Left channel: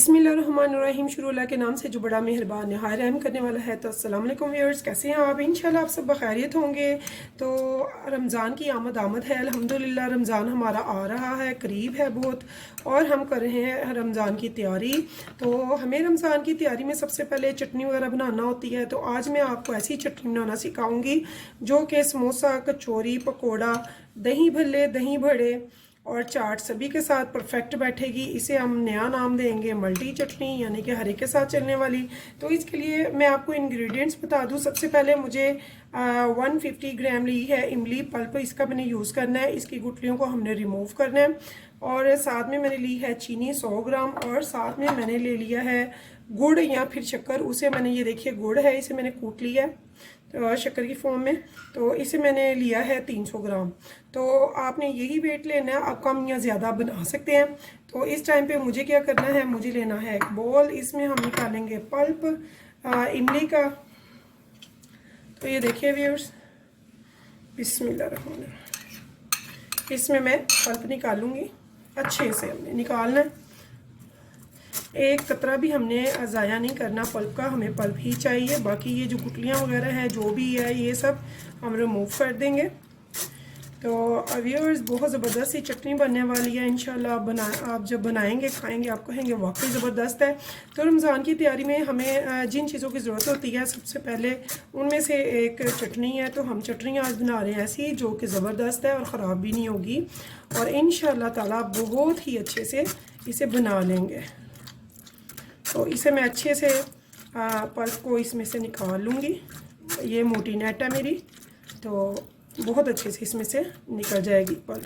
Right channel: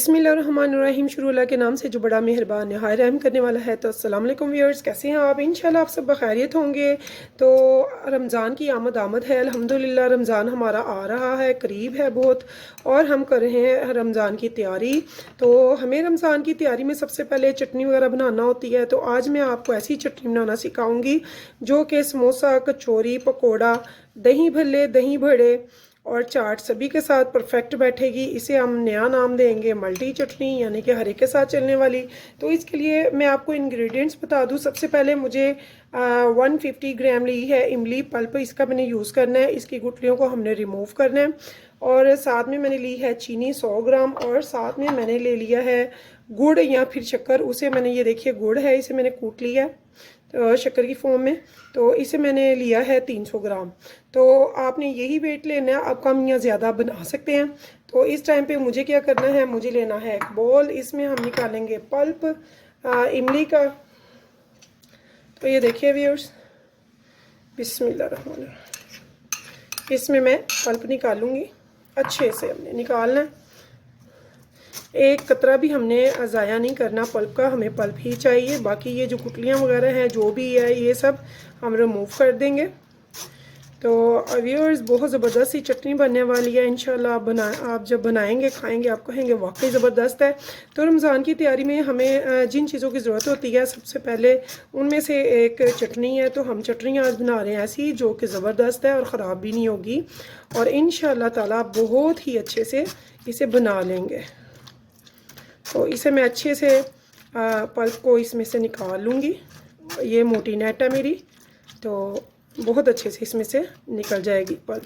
बिस्मिल्लाहिर्रहमानिर्रहीम। शुरू अल्लाह के नाम से जो बड़ा मेहरबान नहाय रहम करने वाला है। तो अस्सलाम वालेकुम व्यूअर्स, कैसे हैं आप? इंशाल्लाह आप सब बखैरियत होंगे। तो रमज़ान की आमद है अल्हम्दुलिल्लाह। रमज़ान हमारा आ रहा है, करीब है बहुत, और हम कर रहे हैं रमज़ान की तैयारी। तो हमें रमज़ान की तैयारी में सबसे पहले चटनी वगैरह बनाना होती है। तो आज मैं आपको ऐसी चटनी बनाना सिखाऊंगी जो कि समोसा, कचौरी, पकौड़ा, दही भल्ले, दही बड़े और चाट सभी के साथ परफेक्ट बैठेगी। इसे हम नया नाम देंगे मल्टी चटनी, यानी कि हर एक के साथ चलने वाली। तो इसके लिए मैं आपको इंग्रेडिएंट्स बता दूं। सबसे पहले मुझे 150 ग्राम ली है इमली पल्प, इसका मैंने यूज़ करना है। इसकी गुठलियों को हमने रिमूव करना है। और साथ में मैंने ली है चीनी 100 ग्राम, और साथ में मैंने ले लिया है गुड़ या फिर शक्कर। उसे मैंने, ये देखिए गुड़ है, इसे मैंने कूट लिया है तो शक्कर की फॉर्म में। तो इसे मैंने लिया है 300 ग्राम। तो आपने यही वेट लेना है, आप कम या ज़्यादा बना सकते हैं। तो इस टाइम पे मुझे क्या करना है, मुझे लेना है एक बॉल, इसमें हम निकालेंगे पल्प इमली का। तो ये देखिए व्यूअर्स, बिस्मिल्लाहिर्रहमानिर्रहीम, इसमें मैं पल्प निकालूंगी। अच्छे से हमने निकालना है, एक कतरा भी हमने ज़ाया नहीं करना पल्प का, हमें पल्प ही चाहिए। बाकी ये जो गुठलियाँ वगैरह हैं जो भी है ये सब हम रिमूव कर देंगे। तो व्यूअर्स, बहुत ज़बरदस्त सी चटनी बनने वाली है इंशाल्लाह। आप जब बनाएंगे खाएंगे आप कहेंगे वाकई ज़बरदस्त है। तो रमज़ान की तैयारी में हमें जिन चीज़ों की ज़रूरत होती है सबसे पहले उनमें से एक चटनी है। तो हम चटनी आज बना रहे हैं ऐसी जो कि ज़बरदस्त है और ख़राब भी नहीं होगी, और इंशाल्लाह ताला बहुत ही अच्छे से इसे बना लेंगे। तो इसे मैं अच्छे से पल्प को इसमें से निकाल लूँगी। ये मोटी नेट है मेरी, तो बहुत अच्छे से इसमें से निकल जाएगी पल्प।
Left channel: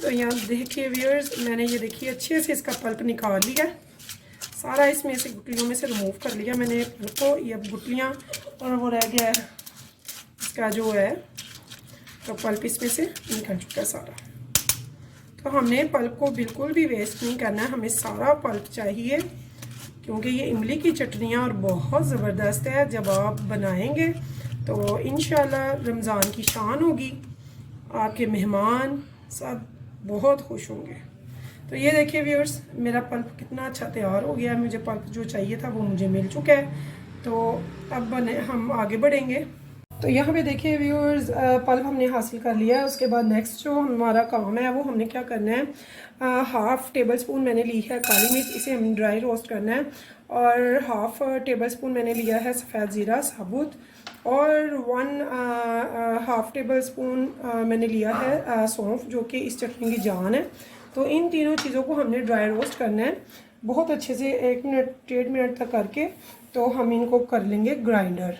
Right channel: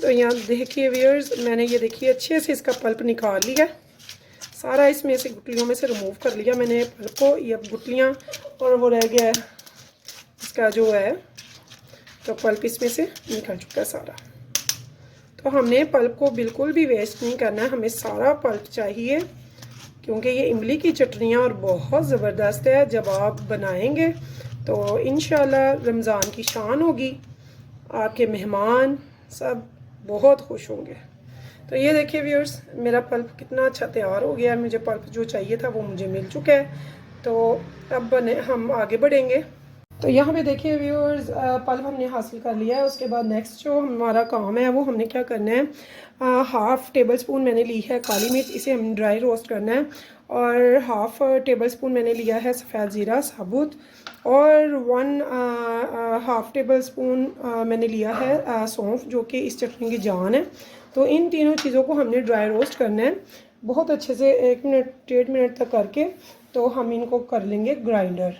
तो यहाँ देखिए व्यूअर्स, मैंने ये देखिए अच्छे से इसका पल्प निकाल लिया, सारा इसमें से गुठलियों में से रिमूव कर लिया मैंने पल्प को। ये अब गुठलियाँ और वो रह गया है इसका जो है, तो पल्प इसमें से निकल चुका है सारा। तो हमने पल्प को बिल्कुल भी वेस्ट नहीं करना है, हमें सारा पल्प चाहिए, क्योंकि ये इमली की चटनियाँ और बहुत ज़बरदस्त है। जब आप बनाएंगे तो इंशाल्लाह रमज़ान की शान होगी, आपके मेहमान सब बहुत खुश होंगे। तो ये देखिए व्यूअर्स, मेरा पल्प कितना अच्छा तैयार हो गया है। मुझे पल्प जो चाहिए था वो मुझे मिल चुका है। तो अब हम आगे बढ़ेंगे। तो यहाँ पे देखिए व्यूअर्स, पल्प हमने हासिल कर लिया है। उसके बाद नेक्स्ट जो हमारा काम है वो हमने क्या करना है, हाफ़ टेबल स्पून मैंने ली है काली मिर्च, इसे हम ड्राई रोस्ट करना है। और हाफ़ टेबल स्पून मैंने लिया है सफ़ेद ज़ीरा साबुत, और हाफ़ टेबल स्पून मैंने लिया है सौंफ, जो कि इस चटनी की जान है। तो इन तीनों चीज़ों को हमने ड्राई रोस्ट करना है बहुत अच्छे से, 1 मिनट 1.5 मिनट तक करके। तो हम इनको कर लेंगे ग्राइंडर।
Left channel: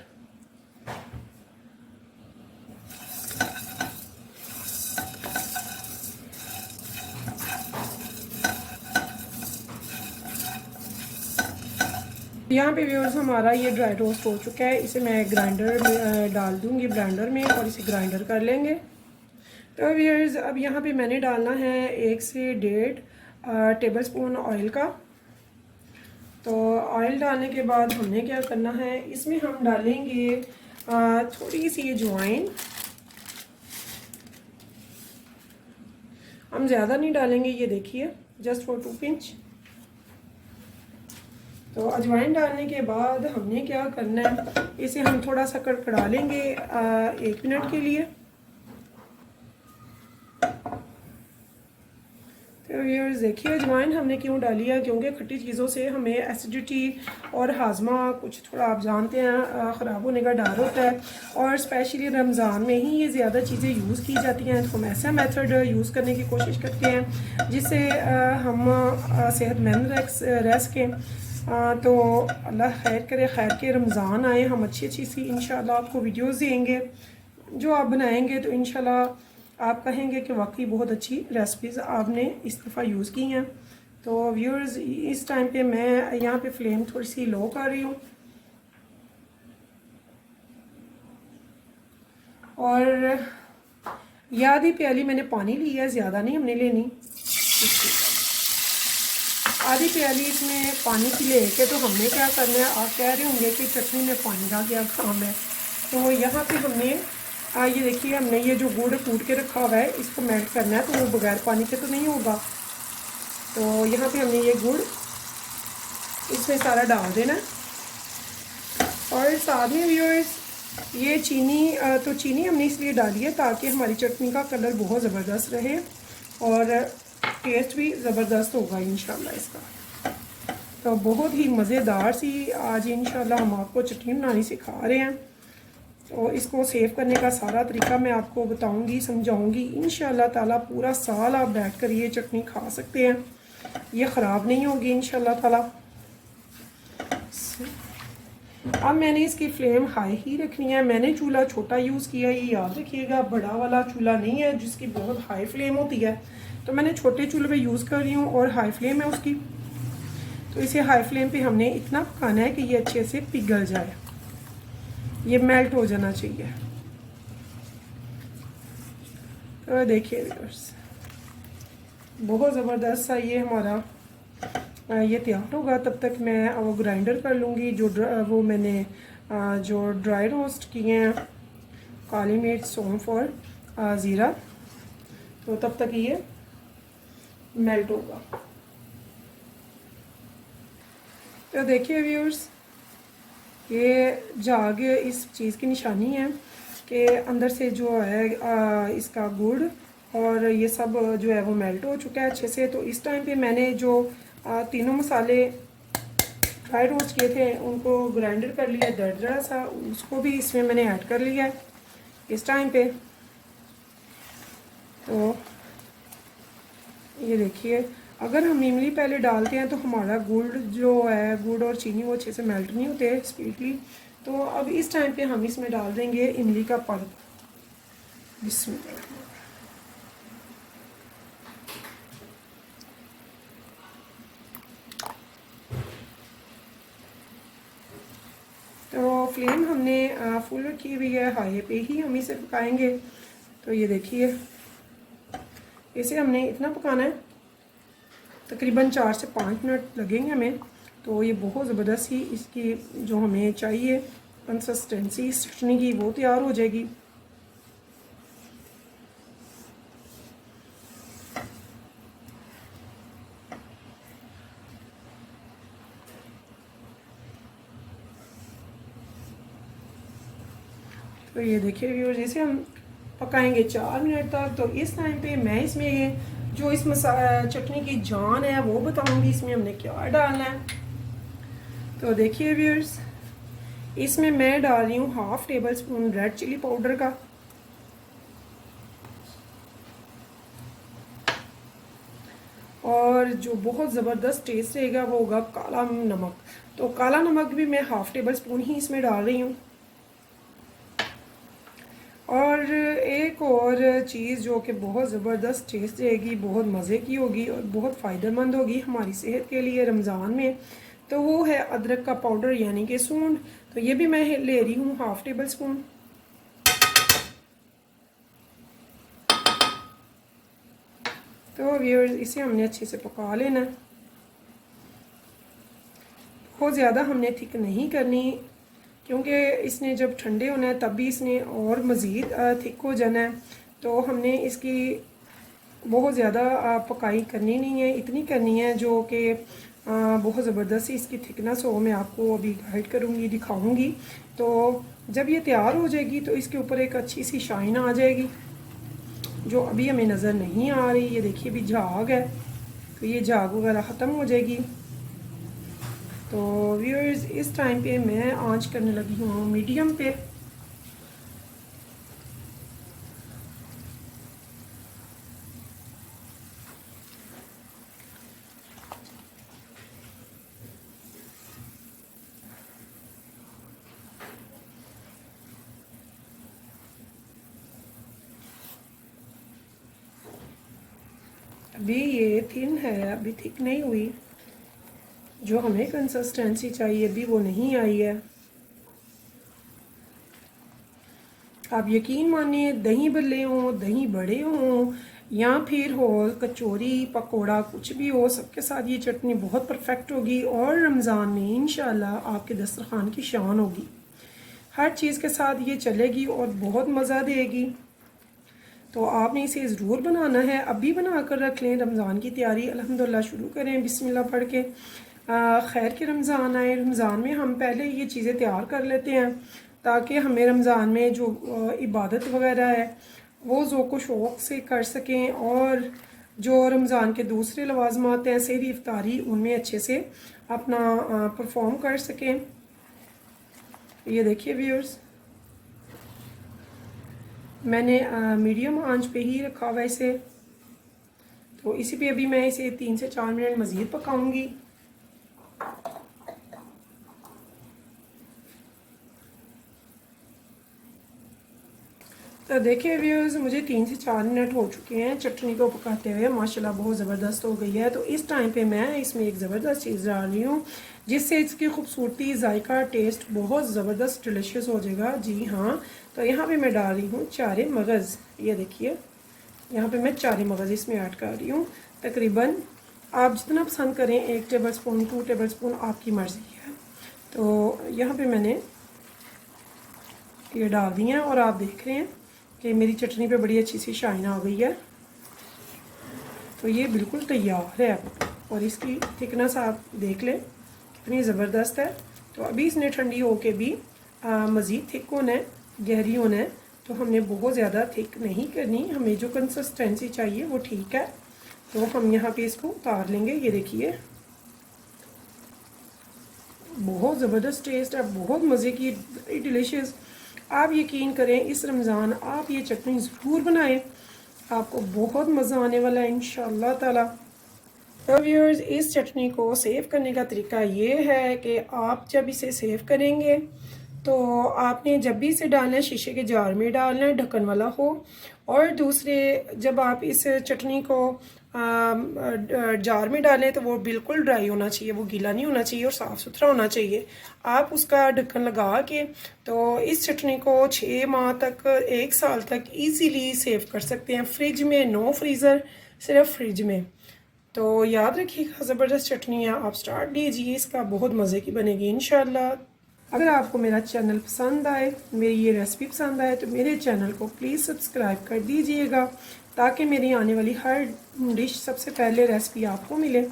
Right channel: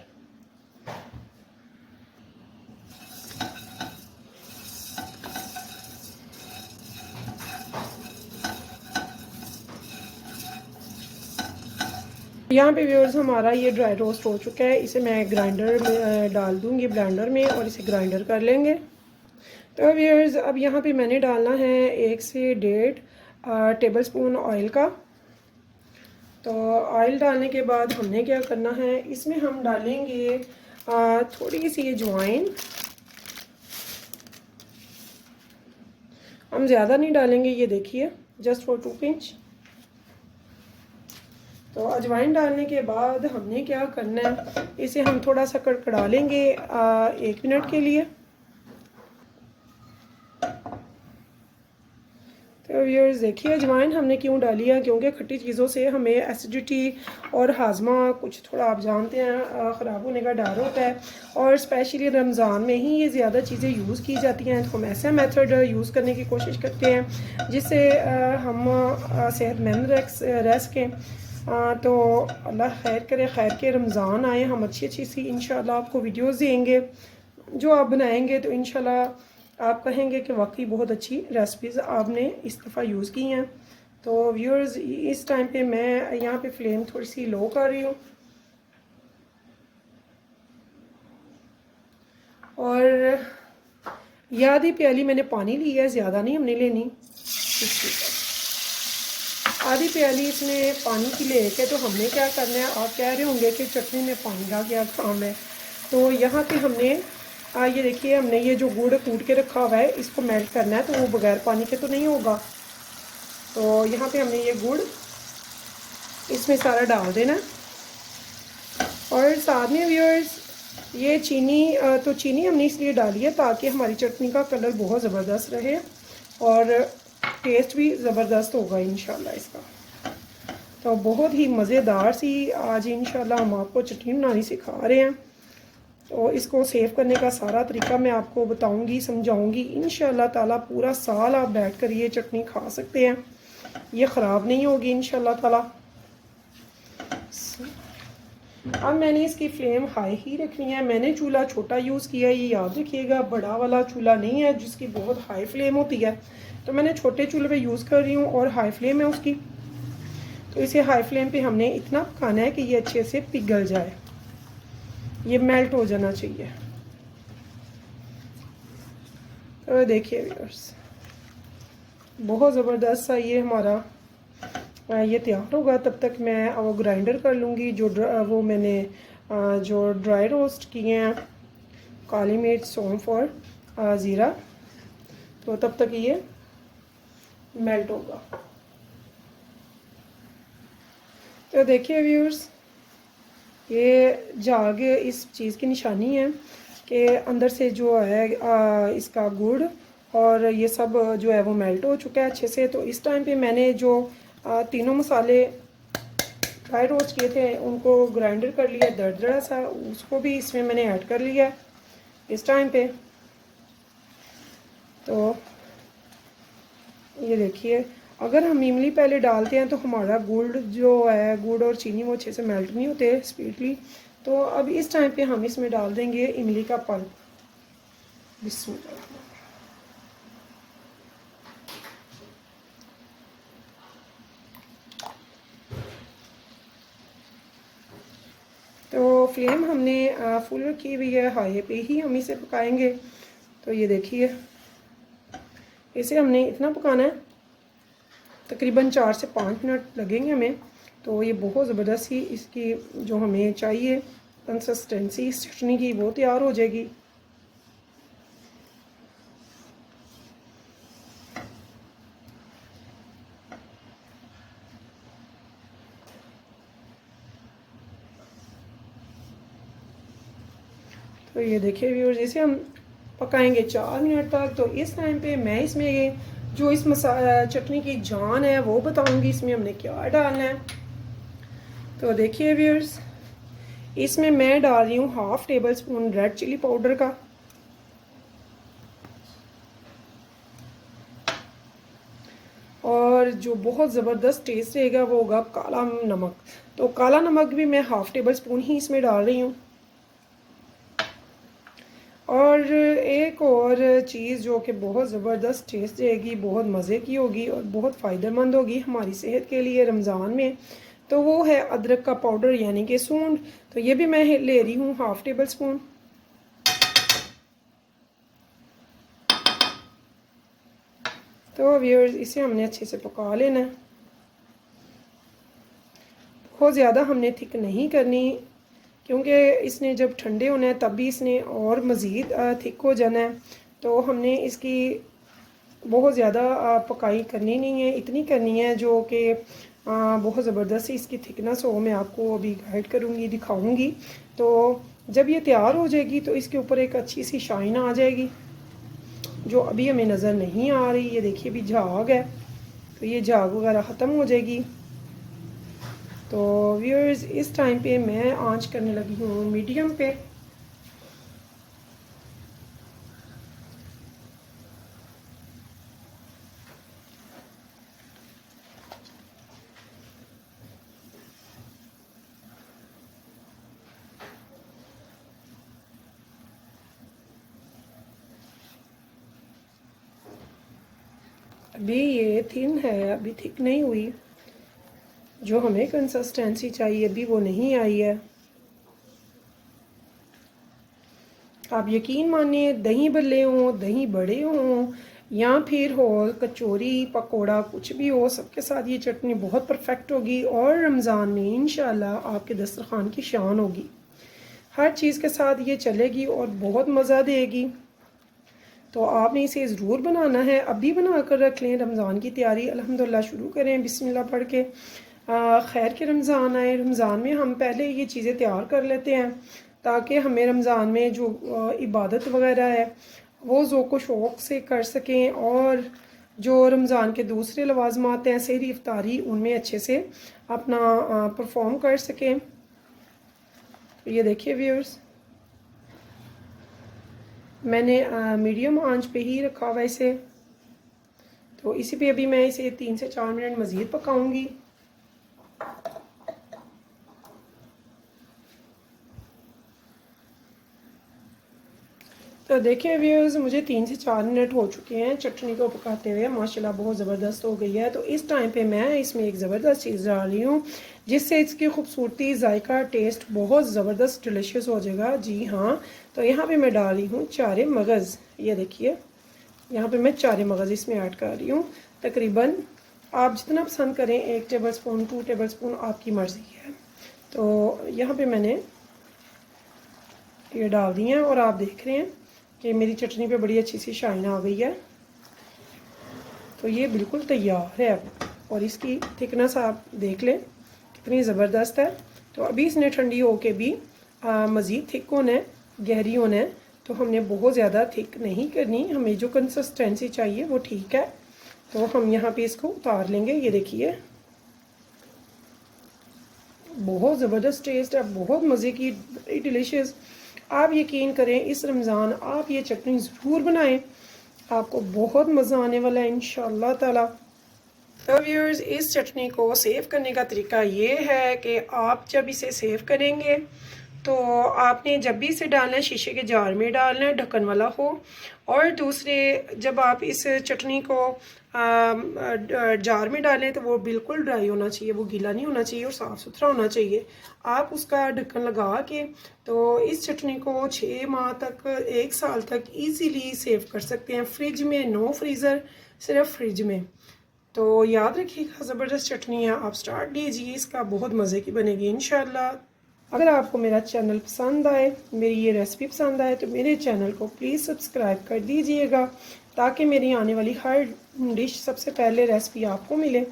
यहाँ पे व्यूअर्स हमारा ये ड्राई रोस्ट हो चुका है। इसे मैं ग्राइंडर में डाल दूँगी, ब्लेंडर में, और इसे ग्राइंडर कर लेंगे। तो व्यूअर्स, अब यहाँ पे मैंने डालना है 1 से 1.5 टेबल स्पून ऑयल का। तो ऑयल डालने के बाद हमने क्या करना है, इसमें हम डालेंगे थोड़ी सी अजवाइन। हम ज़्यादा नहीं डालेंगे, ये देखिए जस्ट फॉर 2 पिंच। तो अजवाइन डालने के बाद हमने क्या करना है, इसे हम थोड़ा सा कड़कड़ा लेंगे 1 मिनट के लिए। तो व्यूअर्स देखिए, अजवाइन हमने क्यों डाली है, क्योंकि खट्टी चीज़ों से हमें एसिडिटी और हाजमा कुछ थोड़ा, आप जानते हैं, ख़राब होने का डर होता है। और स्पेशली रमज़ान में ही ये ज़्यादा चीज़ें यूज़ की जाती हैं। तो हम ऐसा मेथड यूज़ करने की कोशिश करते हैं जिससे हम सेहतमंद रह सकें। तो अल्लाह खैर करे, खैर के रमज़ान आए, हम अच्छी अच्छी सी इंशाल्लाह आपको वीडियोस देंगे जो आप बनाएंगे। तो इंशाल्लाह आप कहेंगे कि वाकई बहुत अच्छी रेसिपीज़ आपने इस दफ़ा यूज़ की हैं। तो व्यूअर्स, इस टाइम पे मैं यहाँ पे फ्लेम थोड़ी सी लो कर रही हूँ, और आधी प्याली मैंने पानी लिया है, ज़्यादा नहीं हमने लेनी। आधी प्याली इसमें पानी की लेके तो हमने क्या करना है, आप कह रहे होंगे कि चटनी में पानी का क्या काम है। तो यहाँ पे हमने ये देखिए, हमने ये जो गुड़ कूट के रखा हुआ है इसको मेल्ट करना है, तो वो बगैर पानी के तो नहीं होगा। तो यहाँ पे हमने ये गुड़ इसमें सारा डाल देना है। और साथ में व्यूअर्स ये चीनी, तो चीनी हमने इसलिए डाली है ताकि हमारी चटनी का कलर बहुत ज़बरदस्त रहे और टेस्ट भी ज़बरदस्त होगा इंशाल्लाह इसका। तो बहुत ही मज़ेदार सी आज इंशाल्लाह हम आपको चटनी बनानी सिखा रहे हैं। तो इसको सेव करने का सारा तरीका मैं आपको बताऊंगी, समझाऊंगी। इंशाल्लाह ताला पूरा साल आप बैठ कर ये चटनी खा सकते हैं, ये ख़राब नहीं होगी इंशाल्लाह ताला। अब मैंने इसकी फ्लेम हाई ही रखनी है। मैंने चूल्हा छोटा यूज़ किया है, ये याद रखिएगा, बड़ा वाला चूल्हा नहीं है जिसकी बहुत हाई फ्लेम होती है। तो मैंने छोटे चूल्हे पे यूज़ कर रही हूँ और हाई फ्लेम है उसकी। तो इसे हाई फ्लेम पे हमने इतना पकाना है कि ये अच्छे से पिघल जाए, ये मेल्ट हो जाना चाहिए। तो देखिए व्यूअर्स, बहुत ज़बरदस्त सा ये हमारा ये तैयार होगा। तब तक मैं वो ग्राइंडर कर लूँगी जो वो मैंने जो ड्राई रोस्ट किए हैं, काली मिर्च, सौंफ और ज़ीरा। तो तब तक ये मेल्ट होगा। तो देखिए व्यूअर्स, ये झाग इस चीज़ की निशानी है कि अंदर से जो है इसका गुड़ और ये सब जो है वो मेल्ट हो चुका है अच्छे से। तो इस टाइम पे मैंने जो तीनों मसाले ड्राई रोस्ट किए थे उनको ग्राइंडर कर लिया दरदरा सा, उसको भी इसमें मैंने ऐड कर लिया है इस टाइम पे। तो ये देखिए, अगर हम इमली पहले डालते हैं तो हमारा गुड़ जो है, गुड़ और चीनी वो अच्छे से मेल्ट नहीं होते स्पीडली। तो अब इस टाइम पे हम इसमें डाल देंगे इमली का पल्प। बिस्मिल्लाह। तो फ्लेम हमने फुल रखी हुई है, हाई पे ही हम इसे पकाएंगे। तो ये देखिए, इसे हमने इतना पकाना है, तकरीबन 4 से 5 मिनट लगेंगे हमें। तो ये बहुत ज़बरदस्त ही इसकी जो हमें चाहिए कंसिस्टेंसी चटनी की वो तैयार हो जाएगी। तो ये देखिए व्यूअर्स, इसे हम पकाएंगे 4 मिनट तक। तो इस टाइम पे मैं इसमें जो इस चटनी की जान है वो बताऊंगी, इसमें हमने क्या डालना है। तो देखिए व्यूअर्स, इसमें मैं डाल रही हूँ 1/2 tablespoon red chilli powder का, और जो बहुत ज़बरदस्त टेस्ट रहेगा वो होगा काला नमक। तो काला नमक भी मैं 1/2 टेबल स्पून ही इसमें डाल रही हूँ। और एक और चीज़ जो कि बहुत ज़बरदस्त टेस्ट देगी, बहुत मज़े की होगी और बहुत फ़ायदेमंद होगी हमारी सेहत के लिए रमज़ान में, तो वो है अदरक का पाउडर यानी कि सूंड। तो ये भी मैं ले रही हूँ 1/2 टेबल स्पून। तो व्यूअर्स, इसे हमने अच्छे से पका लेना। बहुत ज़्यादा हमने थिक नहीं करनी, क्योंकि इसने जब ठंडे होना है तब भी इसने और मज़ीद थिक हो जाना है। तो हमने इसकी बहुत ज़्यादा पकाई करनी नहीं है, इतनी करनी है जो कि बहुत ज़बरदस्त इसकी थिकनेस हो। मैं आपको अभी गाइड करूँगी, दिखाऊँगी। तो जब ये तैयार हो जाएगी तो इसके ऊपर एक अच्छी सी शाइन आ जाएगी जो अभी हमें नज़र नहीं आ रही। ये देखिए, अभी झाग है, तो ये झाग वगैरह ख़त्म हो जाएगी। तो व्यूअर्स, इस टाइम पे मैं आंच करने लगी हूँ मीडियम पे। अभी ये थिन है, अभी थिक नहीं हुई। जो हमें कंसिस्टेंसी चाहिए अभी वो नहीं आई है। आप यकीन मानिए, दही भल्ले हों, दही बड़े हों, या फिर हो कचौरी पकोड़ा कुछ भी हो, सबके साथ ये चटनी बहुत परफेक्ट होगी और रमज़ान में इंशाल्लाह आपके दस्तरखान की शान होगी। हर चीज़ के साथ ये चलेगी और बहुत मज़ा देगी। तो आपने इसे ज़रूर बनाना है, अभी बना कर रख लें। रमज़ान की तैयारी अल्हम्दुलिल्लाह शुरू करें बिस्मिल्लाह पढ़ के। खैर के रमज़ान आए, रमज़ान में हम पहले ये चीज़ें तैयार कर लेते हैं ताकि हमें रमज़ान में जो इबादत वगैरह है वो ज़ौक़ व शौक़ से कर सकें, और जो रमज़ान के दूसरे लवाज़मात हैं सहरी इफ्तारी, उनमें अच्छे से अपना परफॉर्म कर सकें। ये देखिए व्यूअर्स, मैंने मीडियम आंच पे ही रखा हुआ इसे। तो इसी पे अभी मैं इसे 3 से 4 मिनट मज़ीद पकाऊंगी। तो देखिए व्यूअर्स, मुझे 3 से 4 मिनट हो चुके हैं चटनी को पकाते हुए। माशाल्लाह बहुत ज़बरदस्त हो गई है। तो इस टाइम पे मैं इसमें एक ज़बरदस्त चीज़ डाल रही हूँ जिससे इसकी खूबसूरती, जायका, टेस्ट बहुत ज़बरदस्त डिलीशियस हो जाएगा। जी हाँ, तो यहाँ पे मैं डाल रही हूँ चारे मगज़। ये देखिए, यहाँ पे मैं चारे मगज़ इसमें ऐड कर रही हूँ। तकरीबन आप जितना पसंद करें, 1 टेबल स्पून, 2 टेबल स्पून, आपकी मर्ज़ी है। तो यहाँ पे मैंने ये डाल दी हैं और आप देख रहे हैं कि मेरी चटनी पे बड़ी अच्छी सी शाइन आ गई है। तो ये बिल्कुल तैयार है और इसकी थिकनेस आप देख लें कितनी ज़बरदस्त है। तो अभी इसने ठंडी होके भी मज़ीद थिक होना है, गहरी होना है। तो हमने बहुत ज़्यादा थिक नहीं करनी, हमें जो कंसिस्टेंसी चाहिए वो ठीक है। तो हम यहाँ पे इसको उतार लेंगे। ये देखिए, बहुत ज़बरदस्त टेस्ट है, बहुत मज़े की, बड़ी डिलीशियस। आप यकीन करें, इस रमज़ान आप ये चटनी ज़रूर बनाएं, आपको बहुत मज़ा आने वाला है इंशाअल्लाह ताला। तो व्यूअर्स, इस चटनी को सेव करने का तरीका ये है कि आप जब इसे सेव करेंगे तो आपने जब भी इसे डालना है शीशे के जार में डालना है, ढक्कन वाला हो। और दूसरे, जब आप इस चटनी को जार में डालें तो वो बिल्कुल ड्राई होना चाहिए, वो गीला नहीं होना चाहिए और साफ़ सुथरा होना चाहिए। आप उसका ढक्कन लगा के तो इस चटनी को 6 माह तक, 1 साल तक ईज़िली सेव कर सकते हैं। फ्रिज में, नो फ्रीज़र, सिर्फ फ्रिज में। तो याद रखिएगा, ज़बरदस्त चटनी है, आप स्टार्ट लीजिए इसका, बहुत मज़े की बनेगी इंशाल्लाह। अगर आपको मेरा चैनल पसंद आए, मेरी ये रेसिपी पसंद आए, तो मेरे चैनल को प्लीज़ सब्सक्राइब कर दीजिएगा ताकि मेरी आने वाली हर डिश सबसे पहले रेसिपी आपको मिले।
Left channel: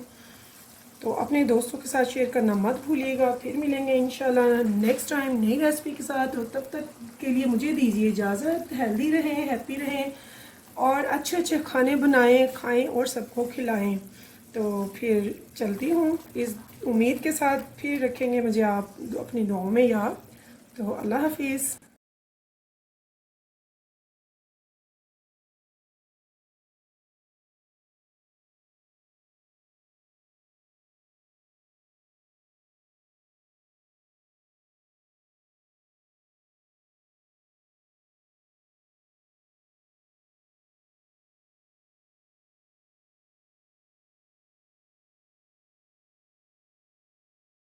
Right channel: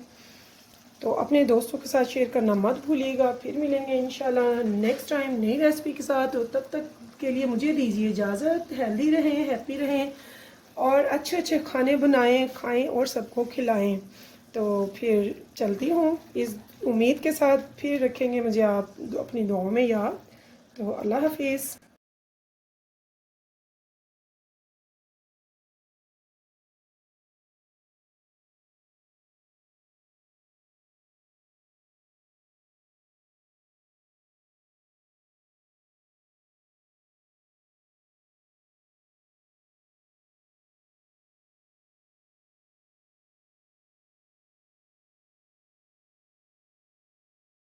तो अपने दोस्तों के साथ शेयर करना मत भूलिएगा। फिर मिलेंगे इंशाल्लाह नेक्स्ट टाइम नई रेसिपी के साथ। तो तब तक के लिए मुझे दीजिए इजाज़त। हेल्दी रहें, हैप्पी रहें और अच्छे अच्छे खाने बनाएं, खाएं और सबको खिलाएं। तो फिर चलती हूँ इस उम्मीद के साथ, फिर रखेंगे मुझे आप अपनी दुआओं में याद। तो अल्लाह हाफिज़।